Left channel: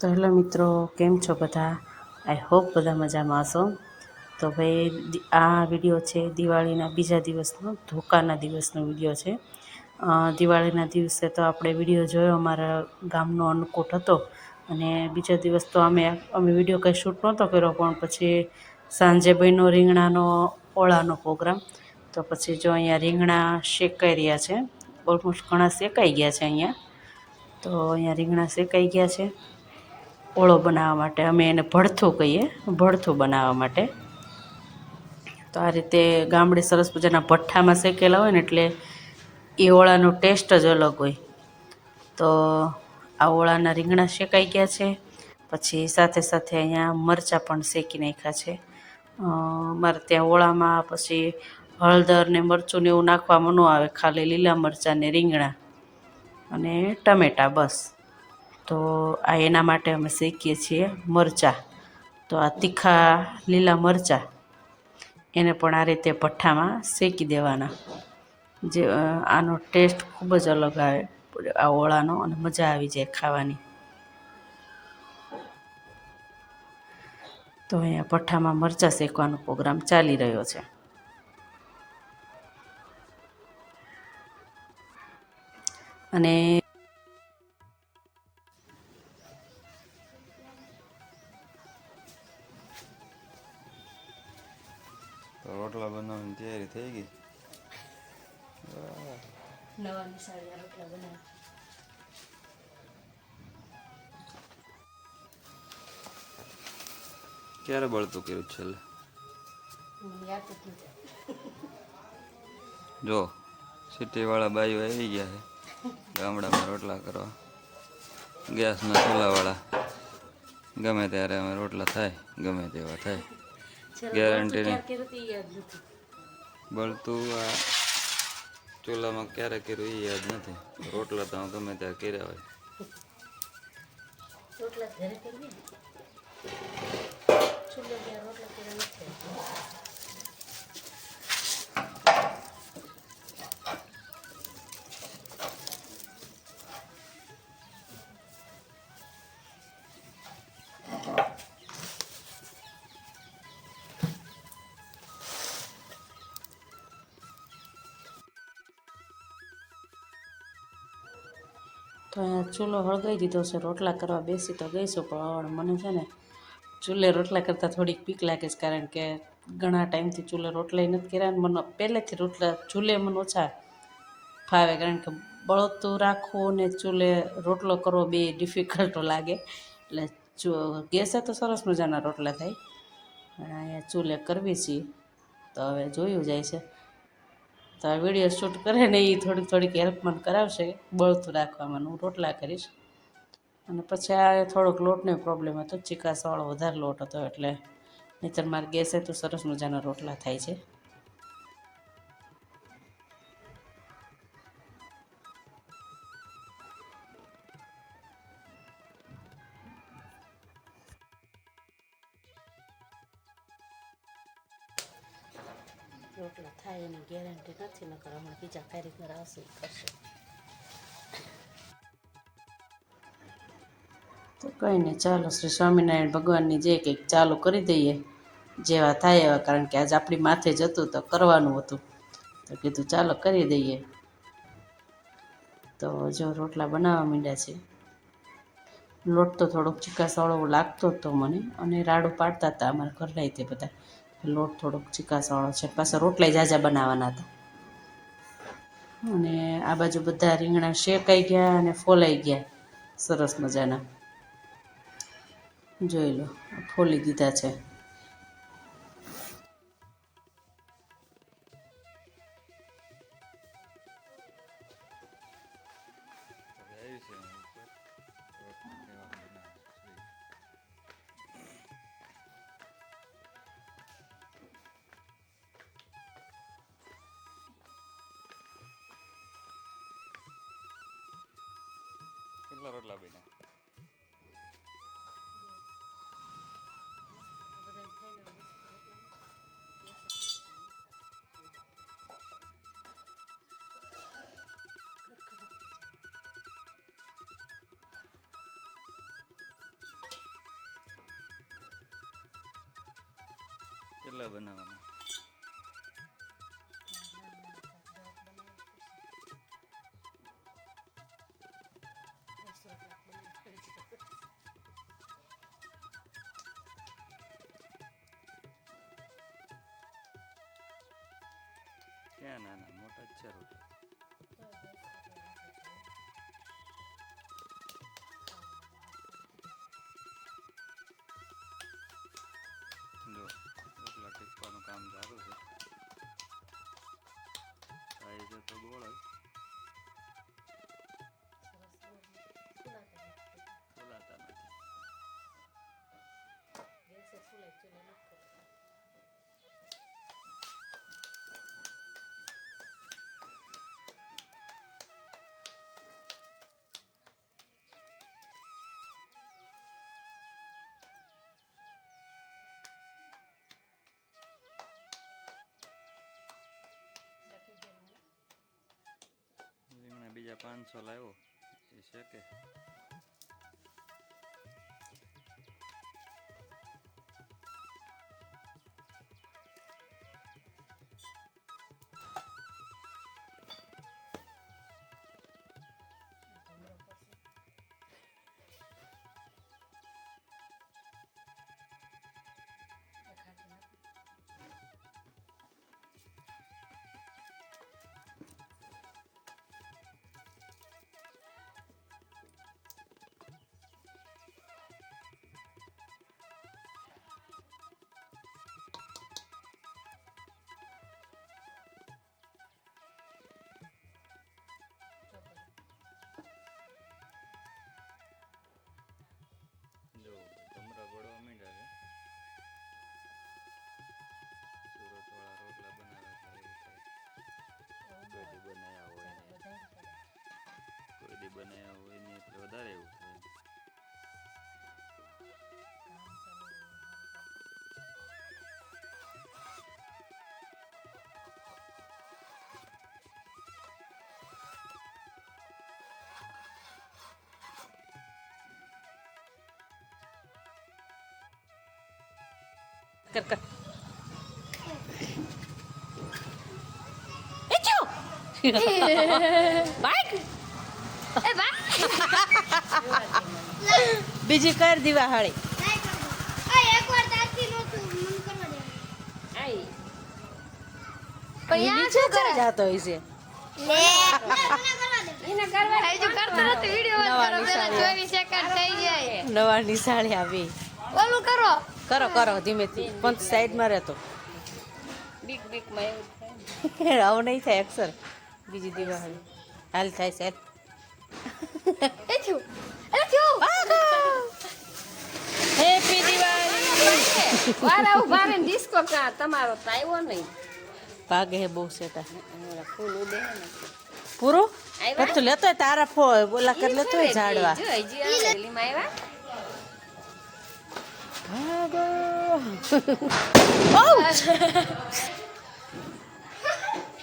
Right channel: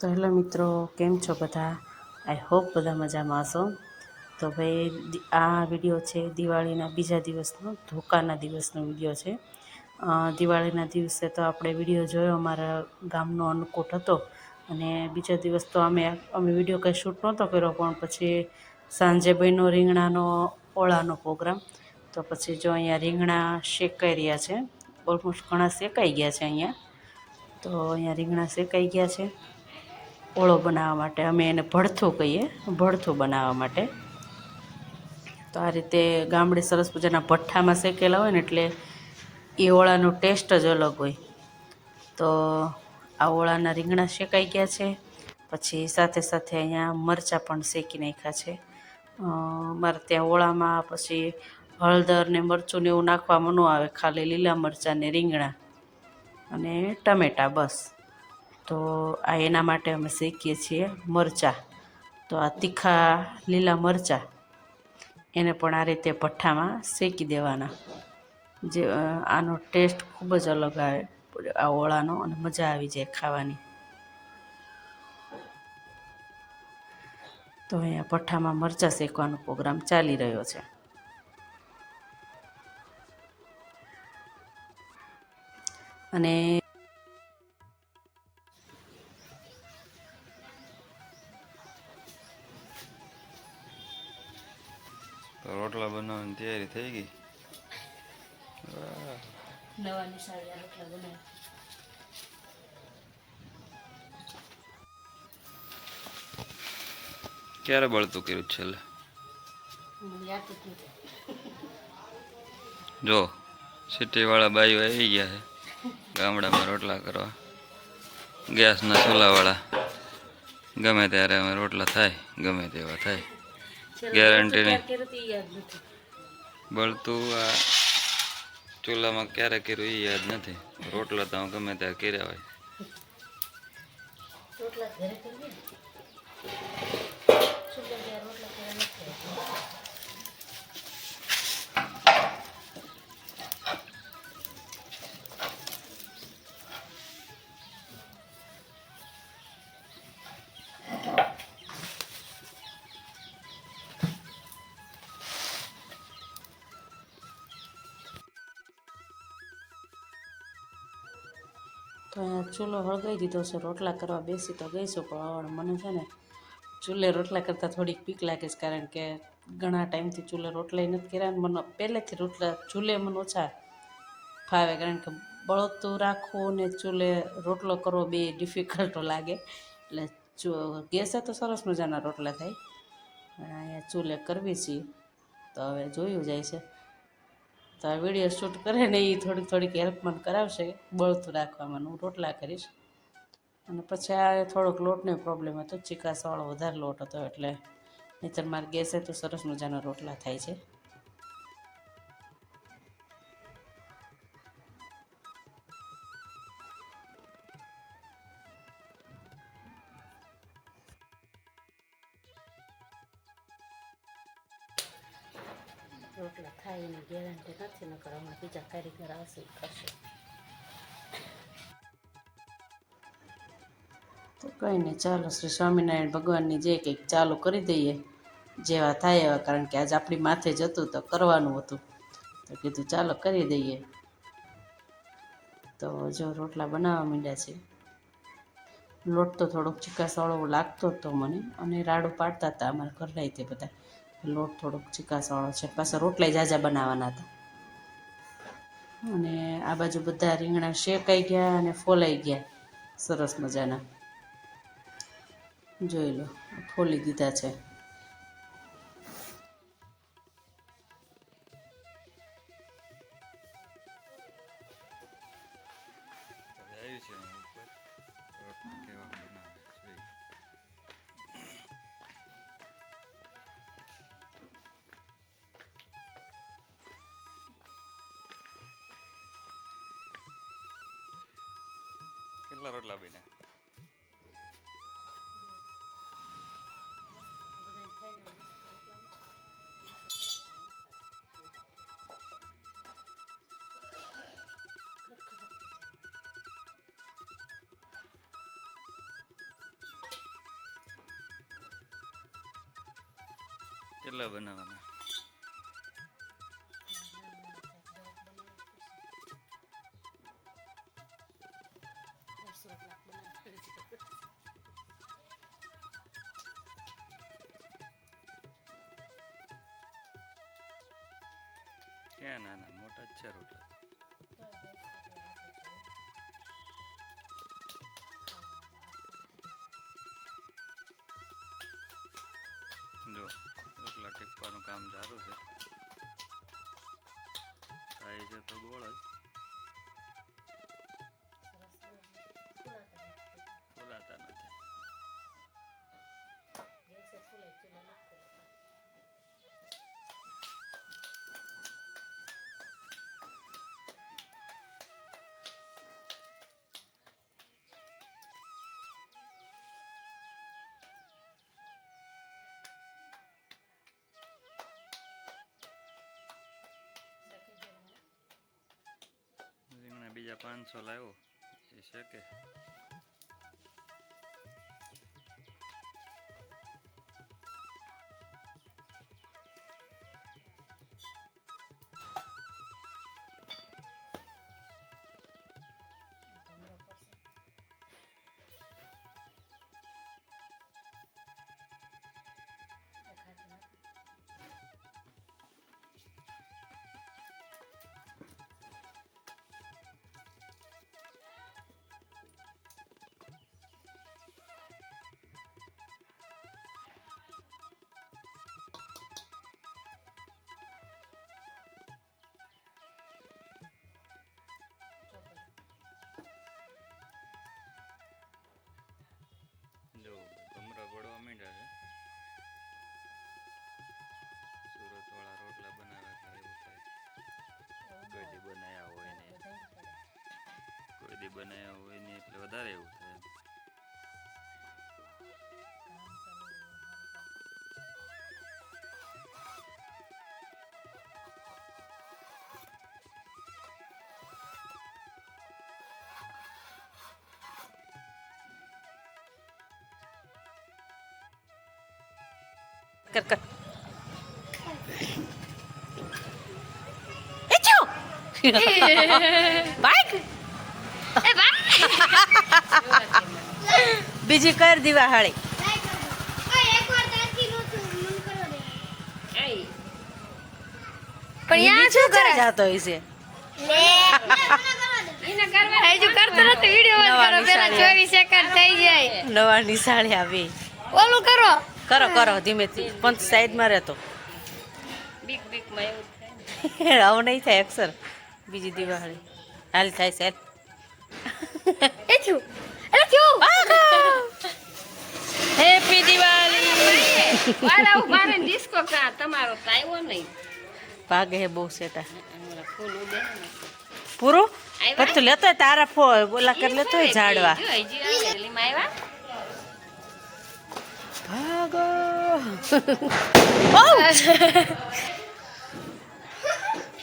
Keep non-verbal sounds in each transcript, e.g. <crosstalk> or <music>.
તો હેલો મિત્રો, કેમ છો બધા? આઈ હોપ બધા મજામાં હશો. તો ભાઈ આ વીડિયો છે દિવાળીના બીજા દિવસનો, ધોકાના દિવસનો વીડિયો છે. દિવાળીના દિવસે તો આપણે વીડિયો જોયો અમારા ગામનો અન્નકૂટ હતો અને બીજા દિવસ તો અમે અમે વીડિયો કંઈ શૂટ નહોતો કર્યો, પણ પછી સાંજે ભાઈનો રીંગણાનો ઓળાનો પ્રોગ્રામ. તો પછી જો અહીંયા રીંગણા શેકાઈ રહ્યા છે ઓલમોસ્ટ ઘણા શેકાઈ ગયા છે અહીંયા. તો અહીંયા રીંગણા શેકાઈ ગયા છે. ઓળો બનાવવા માટે અમે એને ભડથું કહીએ, ભડથું બનાવવા માટે. તો આ રીતે ગામડે સરસ મજાના ભઠ્ઠામાં શેકેલા હોય ને એટલે એ ઓળાનો ટેસ્ટ જ અલગ હોય. તો આ ઓળાના રીંગણા શેકાઈ ગયા છે. પછી સાથે સાથે અહીંયા મરચાં પણ શેકી નાખ્યા છે. મારે ત્યાં ઓળામાં પછી હળદર ને મરચું ને એવું નાખવામાં ન આવે, ખાલી લીલા મરચાં ને રીંગણા અને ટમેટાં બસ. તો આ એના માટે અમે શેકીએ છીએ મરચાં. તો આ તીખા લીલા મરચાં એને પણ આ રીતે ભઠ્ઠામાં શેકી દેવાના. જે આનો ટેસ્ટ ખૂબ જ અલગ આવે, આ ઓળાનો અને મજા આવી જાય ખાવાની. તો અહીંયા ભઠ્ઠામાં મરચાં શેકવાનો પ્રોગ્રામ ચાલી રહ્યો છે. અને તૈયારી થઈ ગઈ. રોટલા ક્યારે બળતું કર્યું છેલ્લે? જો સિટીવાળા બાઈઓ આવી ગયા છે. ગામડામાં રોટલા કરવા. ગેસના ચૂલાવાળા. ગમે ત્યારે અમે રોટલા થાય ગમે તેવા થાય. ગેરંટી નહીં. બળતું આ ચૂલામાં ક્યારે કર્યું એ યાદ નથી? રોટલા તો ગમે ત્યારે કર્યા હોય. રોટલા ઘરે કરીએ ચૂલો ત્યાં રોટલા કર્યા નથી. તો ચૂલો હળગાવી દીધો છે, રોટલા કરવા બેસી તો ગઈશું, પણ મને છે ને ચૂલે રોટલા કરતાં થોડીક પીક લાગે છે, કારણ કે ઘણા ટાઈમથી ચૂલે રોટલા નથી કર્યા મને પહેલેથી રોટલા ચૂલે મને ઓછા ફાવે, કારણ કે બળતું રાખવું ને ચૂલે રોટલો કરવો બે ડિફિકલ્ટ લાગે. એટલે ચૂ- ગેસે તો સરસ મજાના રોટલા થાય. પણ અહીંયા ચૂલે કરવી છીએ તો હવે જોયું જાય છે. તો આ વીડિયો શૂટ કરે ને એ થોડીક થોડીક હેલ્પ મને કરાવશે. બળતું રાખવામાં હું રોટલા કરીશ. અને પછી આ થોડોક લોટનો પ્રોબ્લેમ હતો. ચીકાસવાળો વધારે લોટ હતો એટલે. નહીંતર મારે ગેસે તો સરસ મજાના રોટલા થાય છે. એની ગેરંટી નથી નકર હમણાં બીજા કારીગર આવશે કરશે કંઈ નહીં ચાલો શ્રી સ્વામિનારાયણ ભગવાનની જે કંઈક ચાલુ કરી દઈએ, જેવા થાય એવા, કારણ કે આજ આપણી માથે જ હતું તો કરવાનું હતું. તો કીધું ચાલો કરી દઈએ. તો જો રોટલા બનાવવા માંડ્યા છે. લોટ તો થોડોક ચીકાસવાળો લાગતો હતો મને, અને રાડું પાડતા હતા અમારા ઘરના તે બધા. લોટ થોડોક ચીકાસવાળો છે. પાછા રોટલા જાજા બનાવવાના હતા. અને આ બાજુ બધા રીંગણા શેકાઈ ગયા અને ફોલાઈ ગયા. સરસ મજાના. જોઈ લો, ફોલી દીધા છે. કેટલા રોટલા બને. કેટલા બનાવવાના? ક્યાં નાના મોટા જ છે રોટલા. બીજા પાંચસો લાવ્યો. એ જો એટલે એવું થાય કોઈ દી બનાવ્યા હોય ને કોઈ દી બનાવ્યા હોય ને એટલે વધારે એવું થાય કર કર બાઈક? બીજી કર દીવા હાળી પણ યા શું કરે જાતો હોય છે? એને કરવા હજુ કરતો નથી વિડિયો નવા નિશાળે. 24 સેકન્ડ થઈ જાય. નવા નિશાળે આવી. ઓલું કરો. કરો કરો ધીમે પણ સાઈડમાં રહેતો. બીક બીકમાં એવું થાય <laughs> આવું નહીં થાય અક્ષર. બીજી દિવાળી. હાલ થાય છે. <laughs> હેપી દિવાળી તમારો આવ્યો નહીં. ભાગે હે બહુ સેટા. પૂરું? પણ લેતો તારા ફો બોલા કરી લેતો હોય ઝાડવા. ભાગો!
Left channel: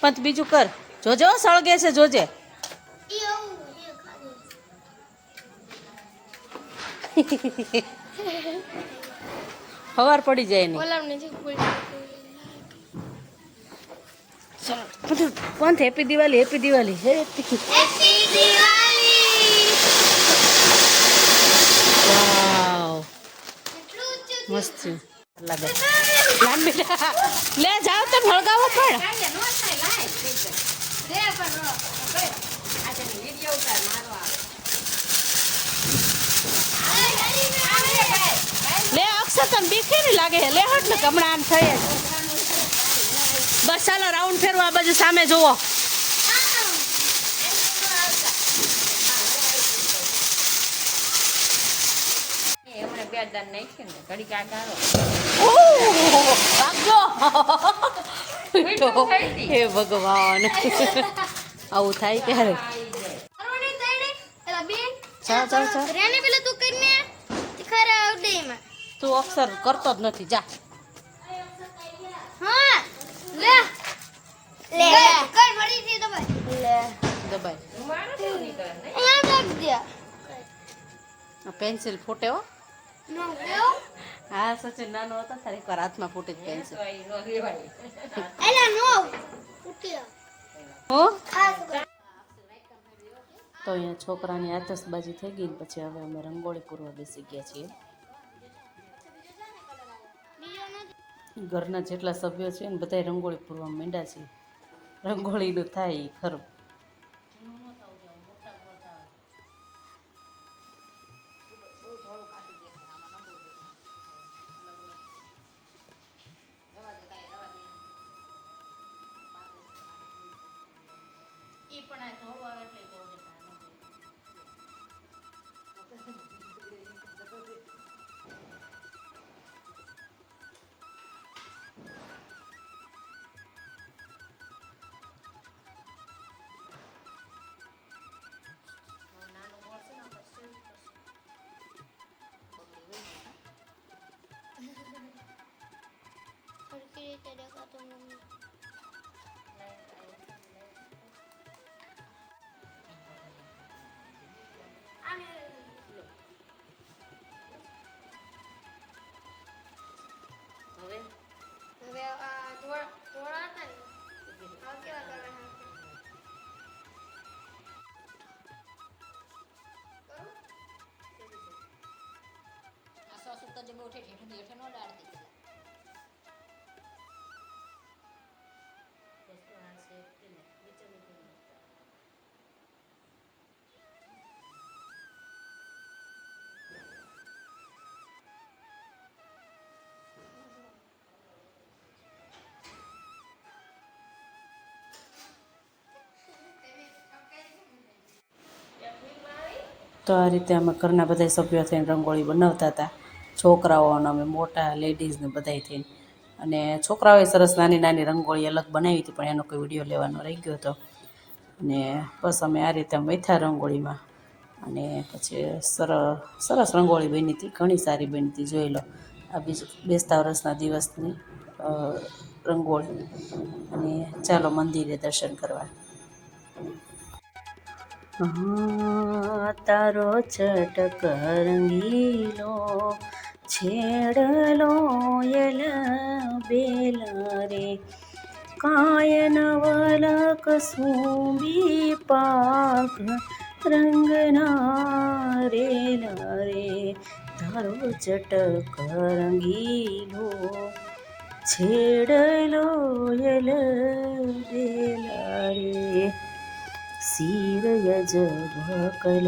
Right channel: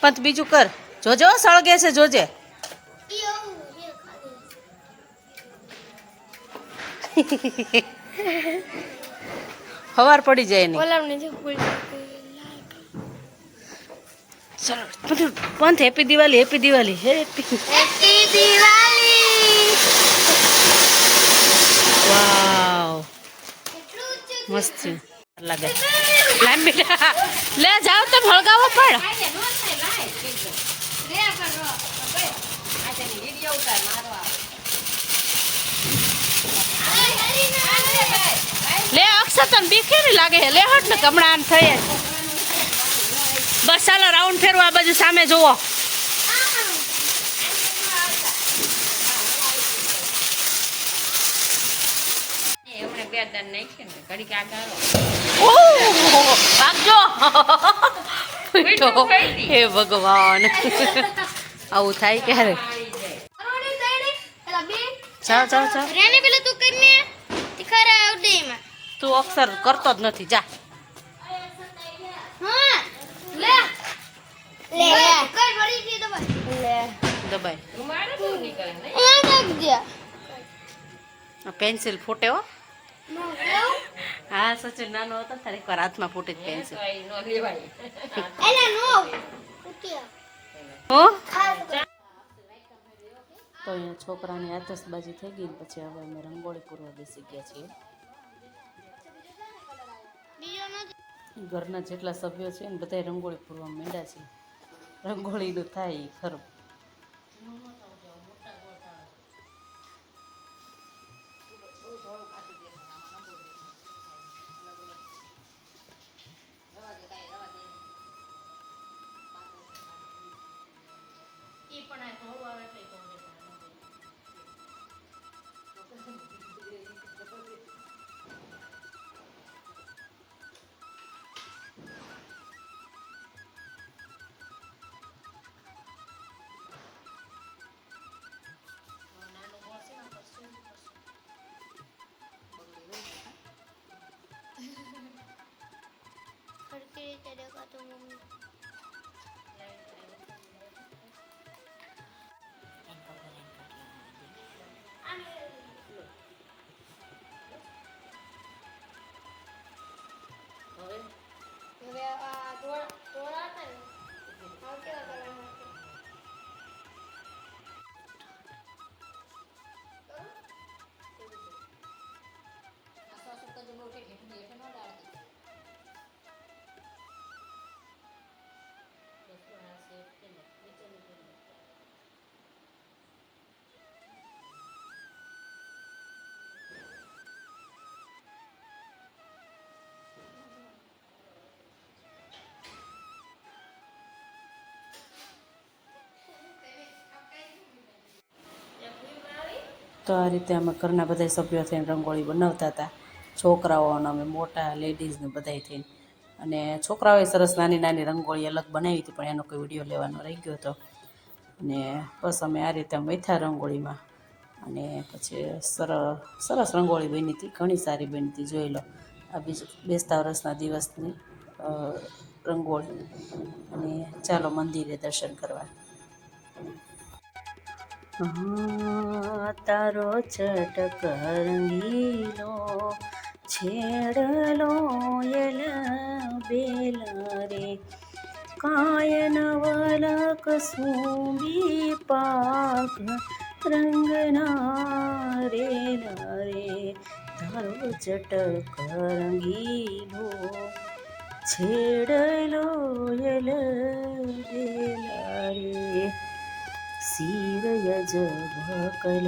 <laughs> પંત બીજું કર. જોજો, સળગે છે, જોજે. હવાર પડી જાય પંત Pant happy Diwali happy Diwali happy wow મસ્ત લાગે. બેટા લે જાવ તો ભળગાવો પણ. લે અક્ષર તને કેવી લાગે છે? લે હટ ને આમ થઈ જ બસ ચાલો રાઉન્ડ ફેરવા બાજુ સામે જુઓ. એમણે નાખી ને ભાગજો હે ભગવાન. આવું થાય ક્યારે? ચાલ ચાલ ચાલ. રેને પેલા તું કરીને અક્ષર કરતો જ નથી જા. હા લે. લે. કર વળી થી તો લે. દબાઈ. પેન્સિલ ફૂટે હો. હા. સચિન નાનો હતો તારે એકવાર હાથમાં ફૂટી જ પેન્સિલ. એલા નો? તો અહીંયા છોકરાની આતશબાજી થઈ ગઈ પછી હવે અમે રંગોળી પૂરવા બેસી ગયા છીએ. ઘરના જેટલા સભ્યો છે ને બધાય રંગોળી પૂરવા માંડ્યા છે. રંગોળીનું થાય ખરું. ಹೋಗುವಾಗ તો આ રીતે અમે ઘરના બધા સભ્યો થઈને રંગોળી બનાવતા હતા. છોકરાઓ અમે મોટા લેડીઝને બધાય થઈને. અને છોકરાઓએ સરસ નાની નાની રંગોળી અલગ બનાવી હતી, પણ એનો કોઈ વીડિયો લેવાનો રહી ગયો હતો. અને બસ અમે આ રીતે મૈથા રંગોળીમાં અને પછી સરસ સરસ રંગોળી બની હતી, ઘણી સારી બની હતી, જોઈ લો. આ બેસતા વર્ષના દિવસની રંગોળી. અને ચાલો મંદિરે દર્શન કરવા. તારો ચટક રંગીલો, છેડલો યલ બેલ રે. કાયન વલક સુંબી પાક રંગના રે રે. તારો ચટક રંગીલો, છેડલો યલ બેલ રે. सीरय जाकल